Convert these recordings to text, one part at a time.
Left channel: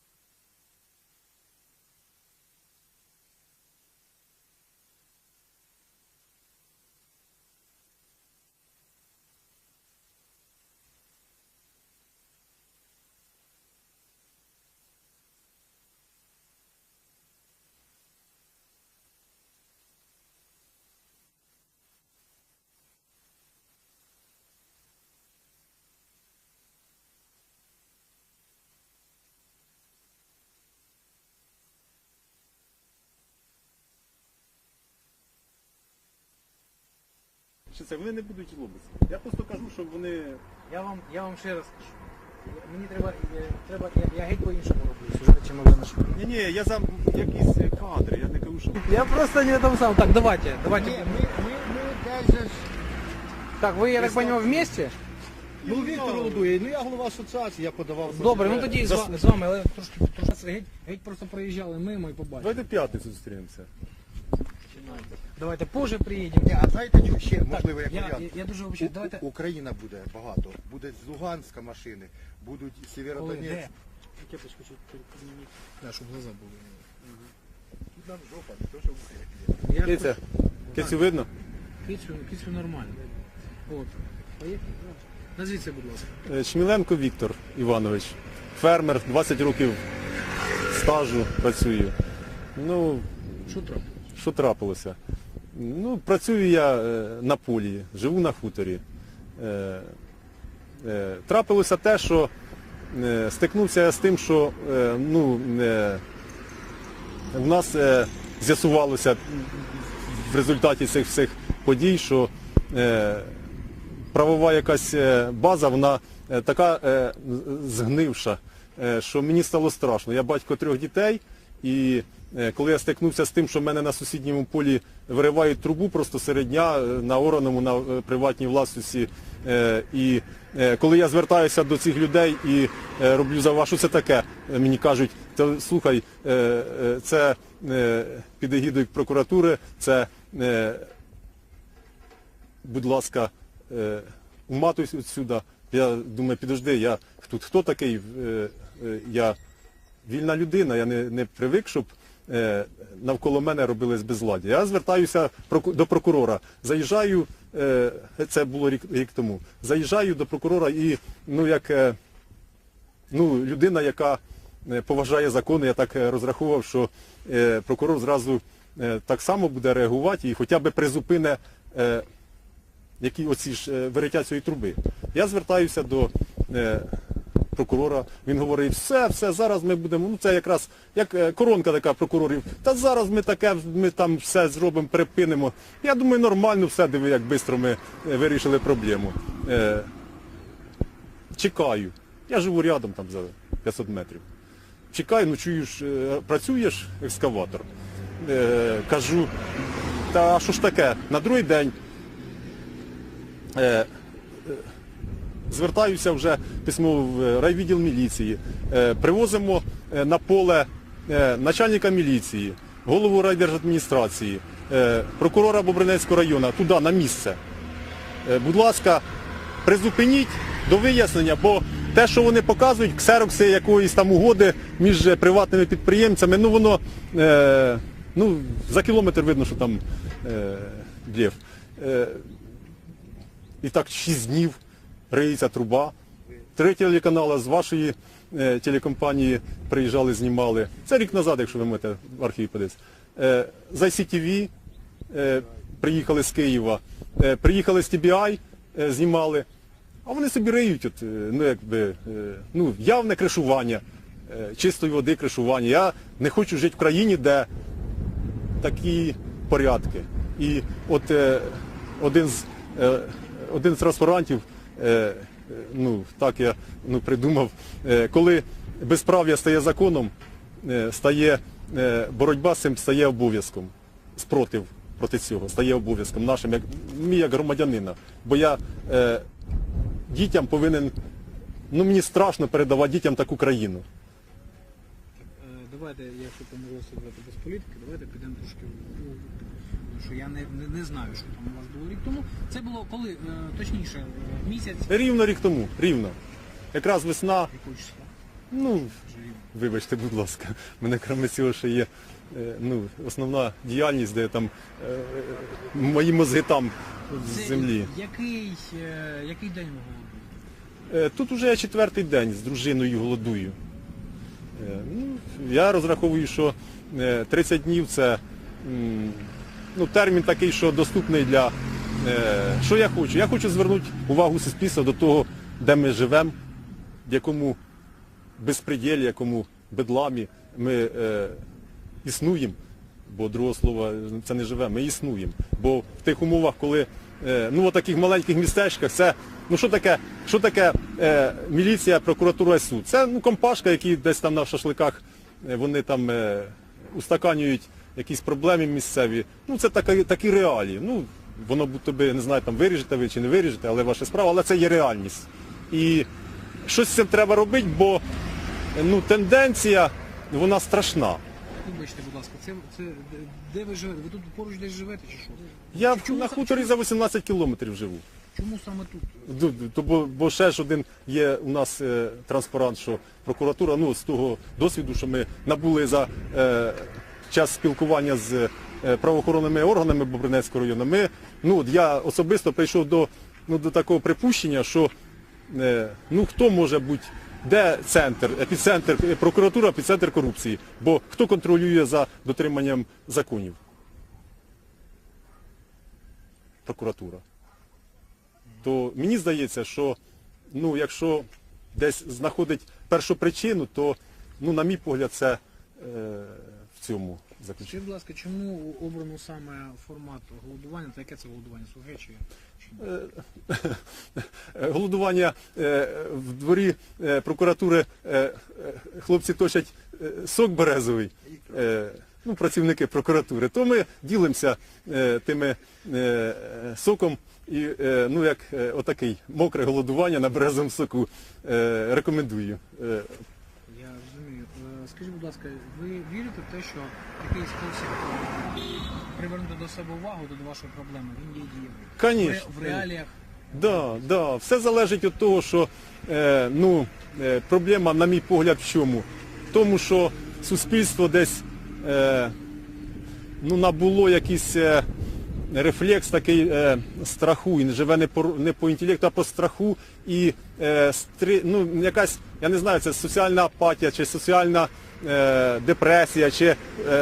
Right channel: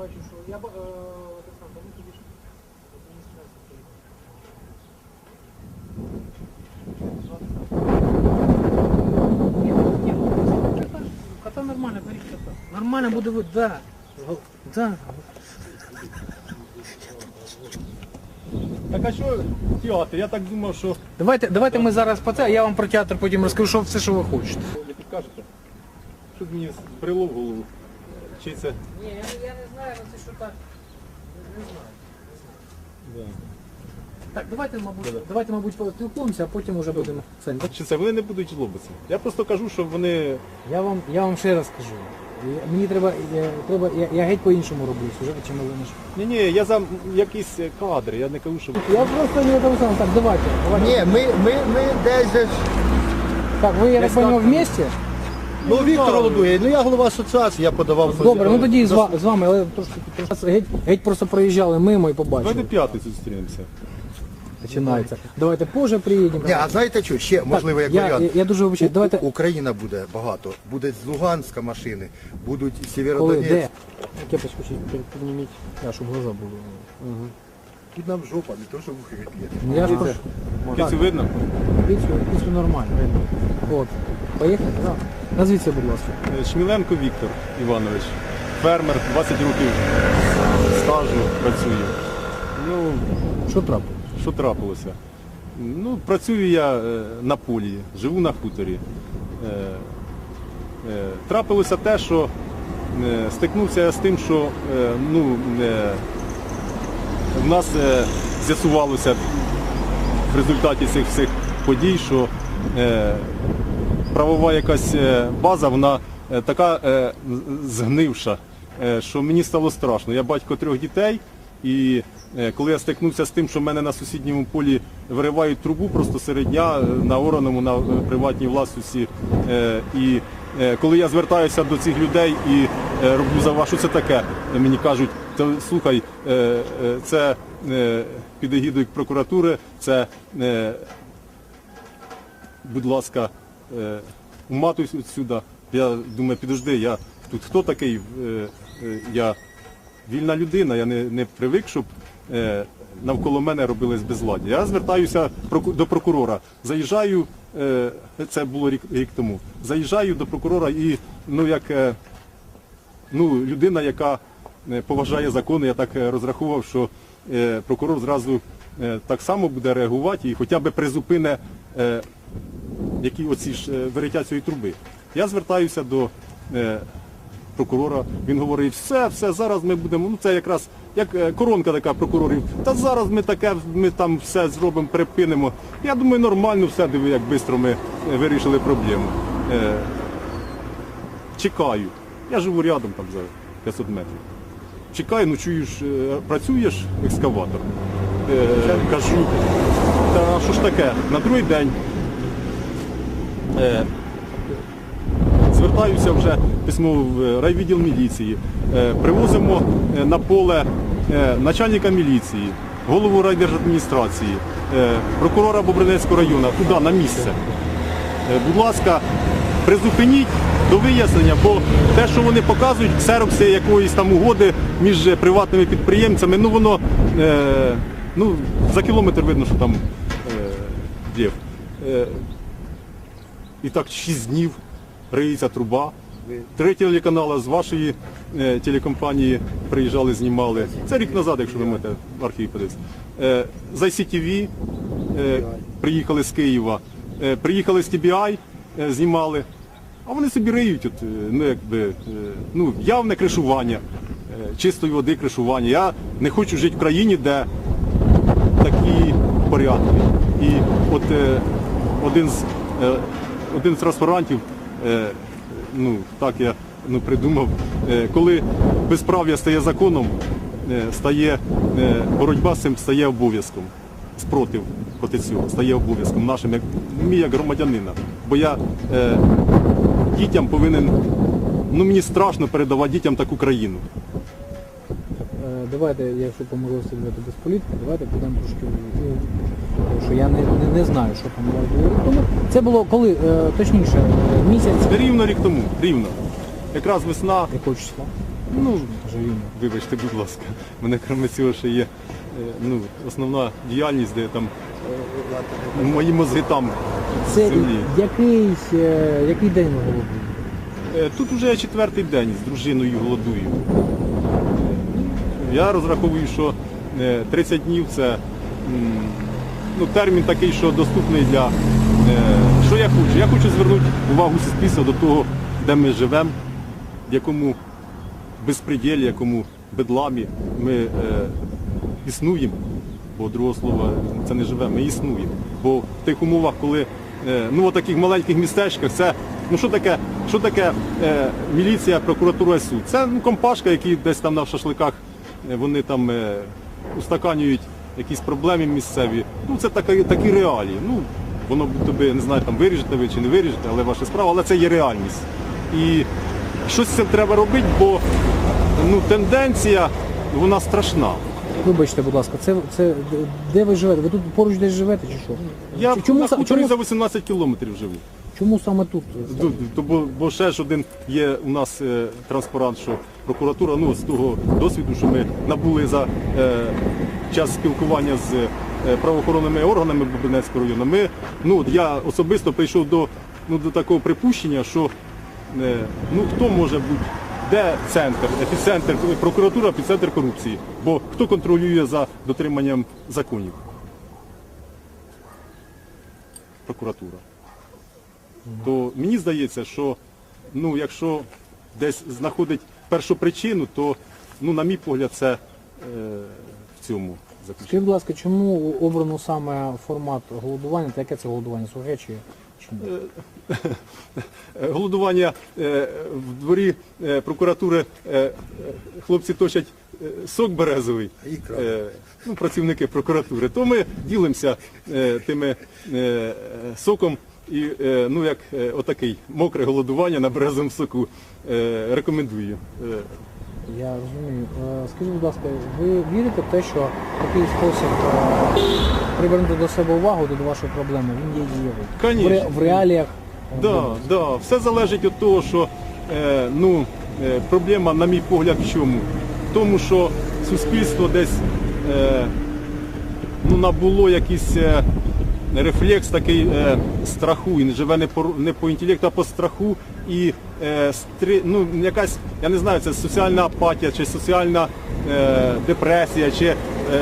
бачу, що я е, ж адміністрація приїхала. Ні, ну, кота- Кота нормально, беріть кота. Нормально буде ви, да. Да. Так а що театр? Я так думав, що Давайте, давайте ми зараз по це, а я вам про театр потім розкажу, що все, що ви хочете. не підкажете. Що мені брело в голову? Чи це? Ні, я, я не знаю, але це що так. Не знаю. Да. Так, давайте, мабуть, давайте, мабуть, поспілкуємося, а потім вже будемо. Сань, так, Чи це вони не будуть жлобитися? Я просто кажу, що вони. я вам, я вам ще раз скажу. Мені треба, я, треба, я, я геть по-іншому роблю сюжет, чим ви наш. Ні, ні, я за якісь кадри, я не кажу, що. Я просто не тому сам. Так, давайте. давайте. Ні, ми, ми, ми десь ж. Так, ви, я так понял, знаю. вместе? Ну, Віктор Голубує, ну я голова асоціації, я подавав. Добре, ну тоді з, ва- з вами, але трошки, трошки геть, геть просто проїжджали мимо і побачили. Давайте п'ятницю зустрінемося. Починається. Давайте позже приїдемо. Ні, а знаєте що, ще можливо як я, варіант. я, я дуже вибачаю. У- Давайте. У- Україна буде багато. Буде з Луганська машини, будуть Коли? Сєвєродонецьк. Де? Кепочку чуть під- підніміть, а, щоб глаза були. Тут нам жопа, не то, що вухи відб'є. Ну, Я ж Дивіться, прошу. Видно? Піцю, піцю нормально. От. Поїхали? Да. Назвіться, будь ласка. Е, Шміленко Віктор Іванович. Фермер, 20 років стажу працює. Ну, Що трапилось? Що трапилося? Ну, працюю я е, на полі, живу на хуторі. Е, е, Трапилося те, що е, стикнувся я з тим, що е, ну, е, в нас е, з'ясувалося в результаті цих всіх подій, що е, правова якась е, база, вона е, така е, згнивша, що мені стало страшно. Я батько трьох дітей, і коли я стикнувся з тим, що в мене на сусідньому полі виривають трубу просто серед дня на ораному, на приватній власності. І коли я звертаюся до цих людей і роблю за що це таке, мені кажуть, то слухай, це під егідою прокуратури, це будь ласка, е, уматуйся сюди. Я думаю, підожди, я тут хто такий? Е, е, Я вільна людина, я не, не привик, щоб навколо мене робились безладдя. Я звертаюся до прокурора. Заїжджаю, це було рік, рік тому. Заїжджаю до прокурора і ну як ну, людина, яка поважає закони, я так розраховував, що прокурор зразу так само буде реагувати і хоча б призупине які оці ж е, вириття цієї труби. Я звертаюся до е, прокурора, він говорить, все, все, зараз ми будемо, ну це якраз як е, коронка така прокурорів, та зараз ми таке, ми там все зробимо, припинимо. Я думаю, нормально все, диви, як швидко ми е, вирішили проблему. Е, чекаю. Я живу рядом там за 500 метрів. Чекаю, ну чуєш, працюєш екскаватор. Е, кажу, та що ж таке? На другий день звертаюся вже письмово в райвідділ міліції. Е, привозимо е, на поле е, начальника міліції, голову райдержадміністрації, е, прокурора Бобринецького району, туди, на місце. Е, Будь ласка, призупиніть до вияснення, бо те, що вони показують, ксерокси якоїсь там угоди між е, приватними підприємцями, ну воно е, ну, за кілометр видно, що там е, дів. І так 6 днів риється труба. Три телеканали з вашої е, телекомпанії приїжджали, знімали. Це рік назад, якщо ви можете в архіві подивитися. Е, з ICTV е, приїхали з Києва, е, приїхали з TBI, е, знімали. А вони собі риють, от, е, ну, якби, е, ну, явне кришування, е, чистої води кришування. Я не хочу жити в країні, де такі порядки. І от е, один з е, один з транспарантів, е, ну так я ну, придумав, е, коли безправ'я стає законом, е, стає боротьба з цим стає обов'язком. Спротив проти цього стає обов'язком нашим, як мій як громадянина. Бо я е, дітям повинен, ну мені страшно передавати дітям таку країну. Давайте, якщо по можливості говорити без політики, давайте підемо трошки в- тому що я не, не, не знаю, що там тому. Це було коли, е, точніше, е, місяць Рівно рік тому, рівно. Якраз весна, якого числа? Ну, вибачте, будь ласка, мене крім цього ще є е, ну, основна діяльність, де там е, мої мозги там Це землі. який, який день ви голодуєте? Тут вже я четвертий день з дружиною голодую. Е, Я розраховую, що е, 30 днів це ну, термін такий, що доступний для. е, Що я хочу? Я хочу звернути увагу суспільства до того, де ми живемо, в якому безпреділі, якому бедламі ми е, існуємо. Бо другого слова це не живемо, ми існуємо. Бо в тих умовах, коли е, ну, в таких маленьких містечках, це ну що таке, що таке е, міліція, прокуратура і суд? Це ну, компашка, які десь там на шашликах е, вони там е, устаканюють якісь проблеми місцеві. Ну це такі, такі реалії. Ну, воно тобі, не знаю, там виріжете ви чи не виріжете, але ваша справа, але це є реальність. І щось з цим треба робити, бо ну, тенденція вона страшна. Вибачте, будь ласка, це, це де ви живете? Ви тут поруч десь живете чи що? Я чому, на хуторі чому, за 18 кілометрів живу. Чому саме тут? То, бо, бо ще ж один є у нас е, транспарант, що прокуратура, ну з того досвіду, що ми набули за е, час спілкування з е, правоохоронними органами Бобринецького району. Ми, ну, я особисто прийшов до, ну, до такого припущення, що е, ну, хто може бути, де центр, епіцентр, прокуратура, епіцентр корупції. Бо хто контролює за дотриманням законів? Прокуратура то мені здається, що ну, якщо десь знаходить першу причину, то, ну, на мій погляд, це е, в цьому заключено. Скажіть, будь ласка, чому обрано саме формат голодування? Та яке це голодування? Чи? Е, Голодування е, в дворі е, прокуратури е, е, хлопці точать е, сок березовий, е, ну, працівники прокуратури, то ми ділимося е, тими е, е, соком. І е, ну як е, отакий мокре голодування на березовому соку е, рекомендую. Я розумію. Скажіть, будь ласка, ви вірите в те, що такий спосіб привернути до себе увагу до вашої проблеми, він є дієвий? В, ре- в реаліях е, Да, да, все залежить від того, що ну, проблема, на мій погляд, в чому? В тому, що суспільство десь ну, набуло якийсь е, рефлекс такий е, страху, і живе не по, не по інтелекту, а по страху. І е, стри, ну, якась, я не знаю, це соціальна апатія, чи соціальна е, депресія, чи е,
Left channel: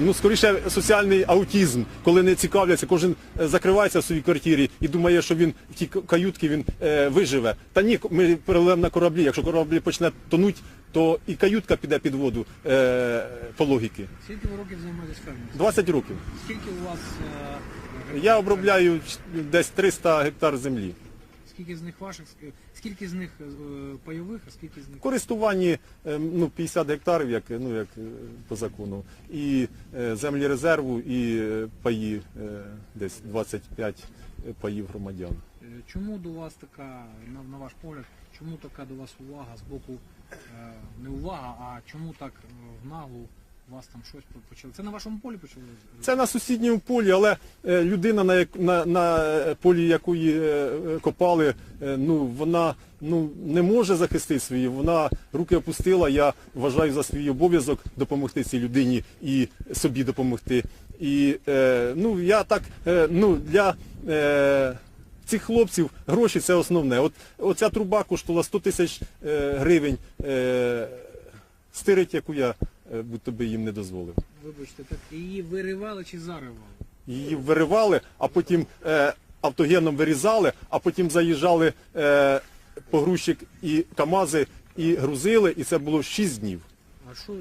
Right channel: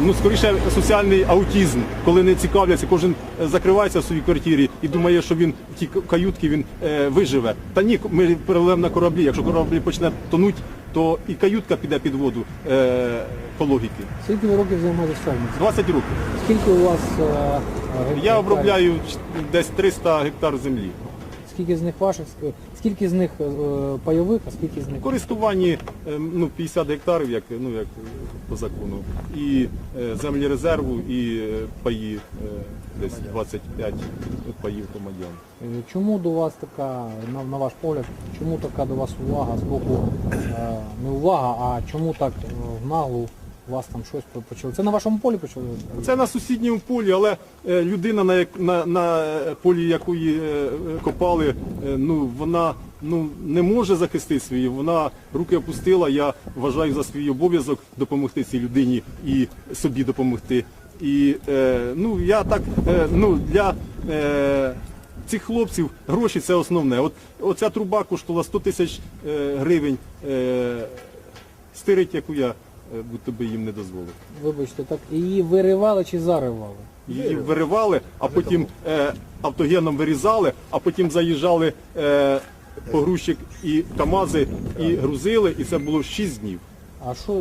ну, скоріше соціальний аутізм, коли не цікавляться, кожен е, закривається в своїй квартирі і думає, що він в тій каютці він е, виживе. Та ні, ми переливемо на кораблі. Якщо корабль почне тонуть, то і каютка піде під воду е, по логіки. Скільки ви років займаєтесь фермерством? 20 років. Скільки у вас е. Я обробляю десь 300 гектар землі. Скільки з них ваших, скільки з них е, пайових, а скільки з них користуванні е, ну, 50 гектарів, як, ну, як е, по закону, і землі резерву, і паї десь 25 паїв громадян. Чому до вас така, на, на ваш погляд, чому така до вас увага з боку, не увага, а чому так в наглу у вас там щось по- почали? Це на вашому полі почали? Це на сусідньому полі, але е, людина, на, на, на полі якої е, копали, е, ну, вона ну, не може захистити свої, вона руки опустила. Я вважаю за свій обов'язок допомогти цій людині і собі допомогти. І е, ну, я так, е, ну, для е, цих хлопців гроші це основне. От, оця труба коштувала 100 тисяч е, гривень. Е, стирить, яку я е, будь-то би їм не дозволив. Вибачте, так її виривали чи заривали? Її виривали, а потім е, автогеном вирізали, а потім заїжджали е, погрузчик і КАМАЗи і грузили, і це було 6 днів. А що, е,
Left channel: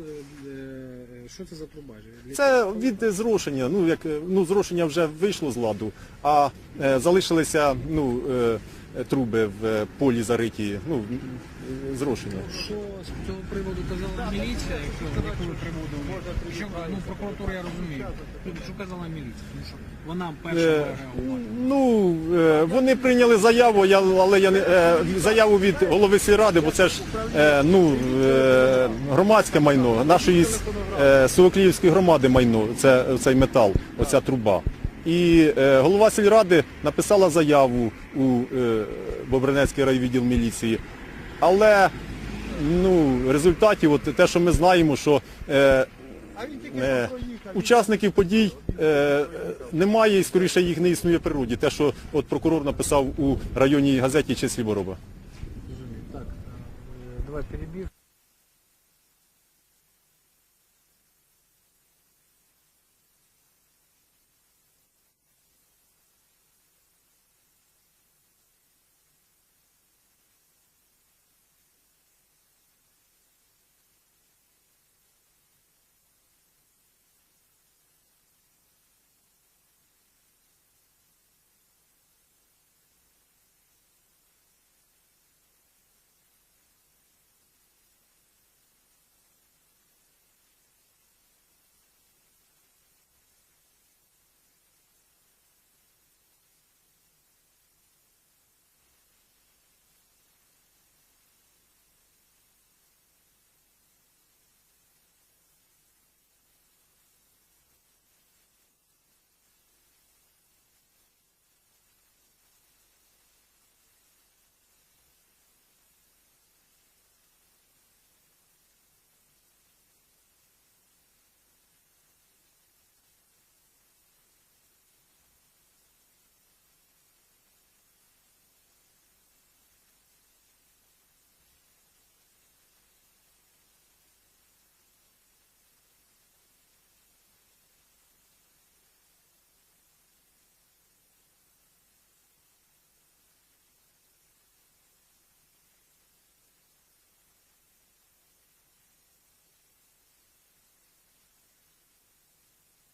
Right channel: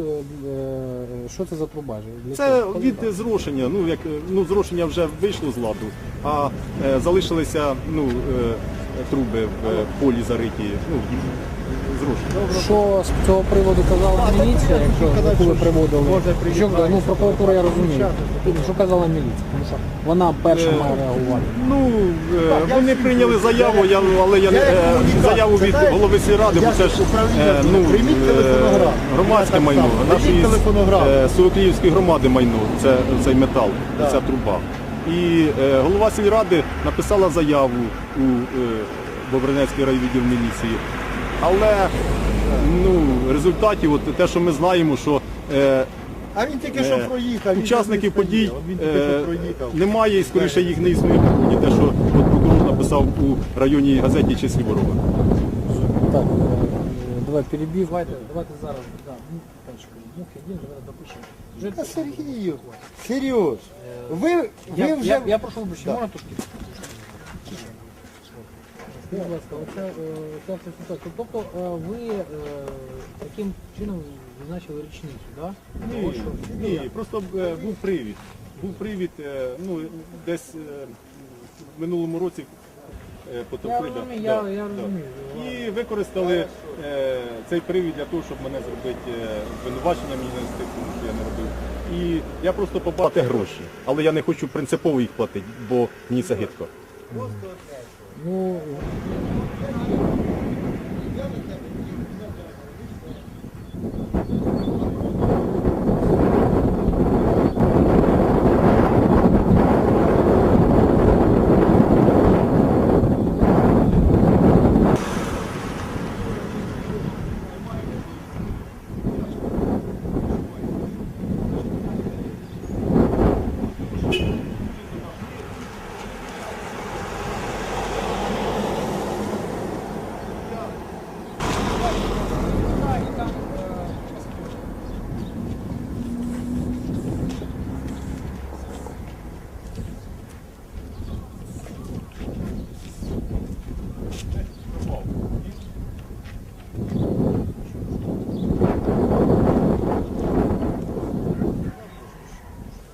е, що це за труба? Для Це чого? від зрошення. Ну як е, ну зрошення вже вийшло з ладу, а е, залишилися ну е, труби в е, полі зариті. Ну зрошення. Що з цього приводу казала міліція, якщо яку ви приводили? Що, ну, прокуратура я розумію. Що казала міліція? Тому що вона перша Е, має реагувати. Ну е, вони прийняли заяву, я але я не е, заяву від голови сільради, бо це ж е, ну е, громадське майно нашої е, Соколівської громади майно. Це цей метал, ця труба. І е, голова сільради написала заяву у е, Бобринецький райвідділ міліції. Але ну, результатів, от те, що ми знаємо, що е, А він тільки що Е, проїхав. учасників подій е, немає і скоріше їх не існує в природі. Те, що от прокурор написав у районній газеті Чеслі Ворога. Так, е, давай перебіг. Давайте, давайте зараз. Да, ну, мух один, давайте допишемо. Вже Та Сергію, Серйоз, ви, ви Я, вже... я, я прошу вибачення, можна трошки? Будь ласка, оця, е, ця вся ситуація. Тобто е, ви е, таким чином визначили річницю, так? Що- ні, просто е, був привід. Був привід, е, ну, десь е, в минулому році е, Я розумію, я, розумію. І використали е, цей привід для того, щоб мене зробити е, обвинувачення мені нести, тому що я не робив. І я просто побачив гроші, але я не хочу принципово їх платити, бо мені це гидко. Ну,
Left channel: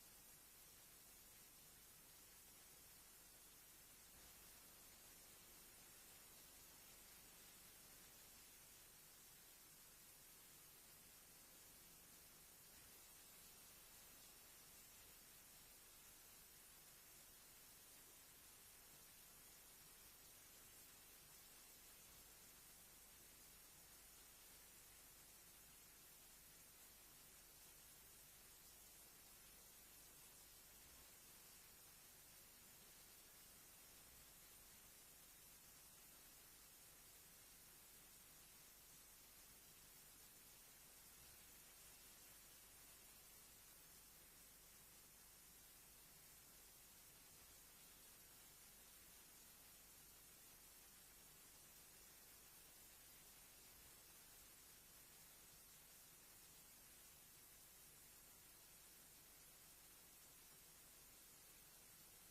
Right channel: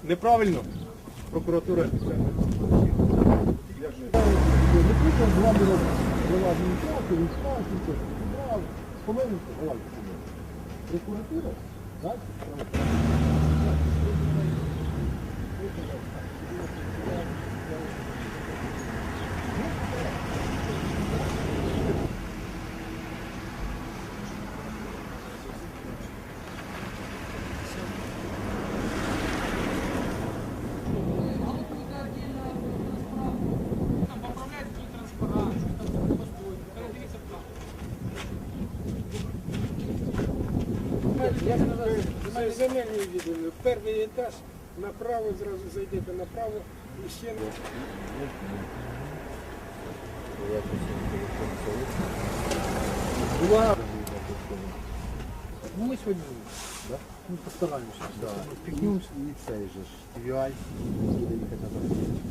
Неправильно. Прокуратура. Ми земельні відділи. Перший етаж направо, зразу зайдете направо і ще не. була... Ну, ми сьогодні ми постараємося. Да. Спікнемося. І цей же ж TVI буде їхати на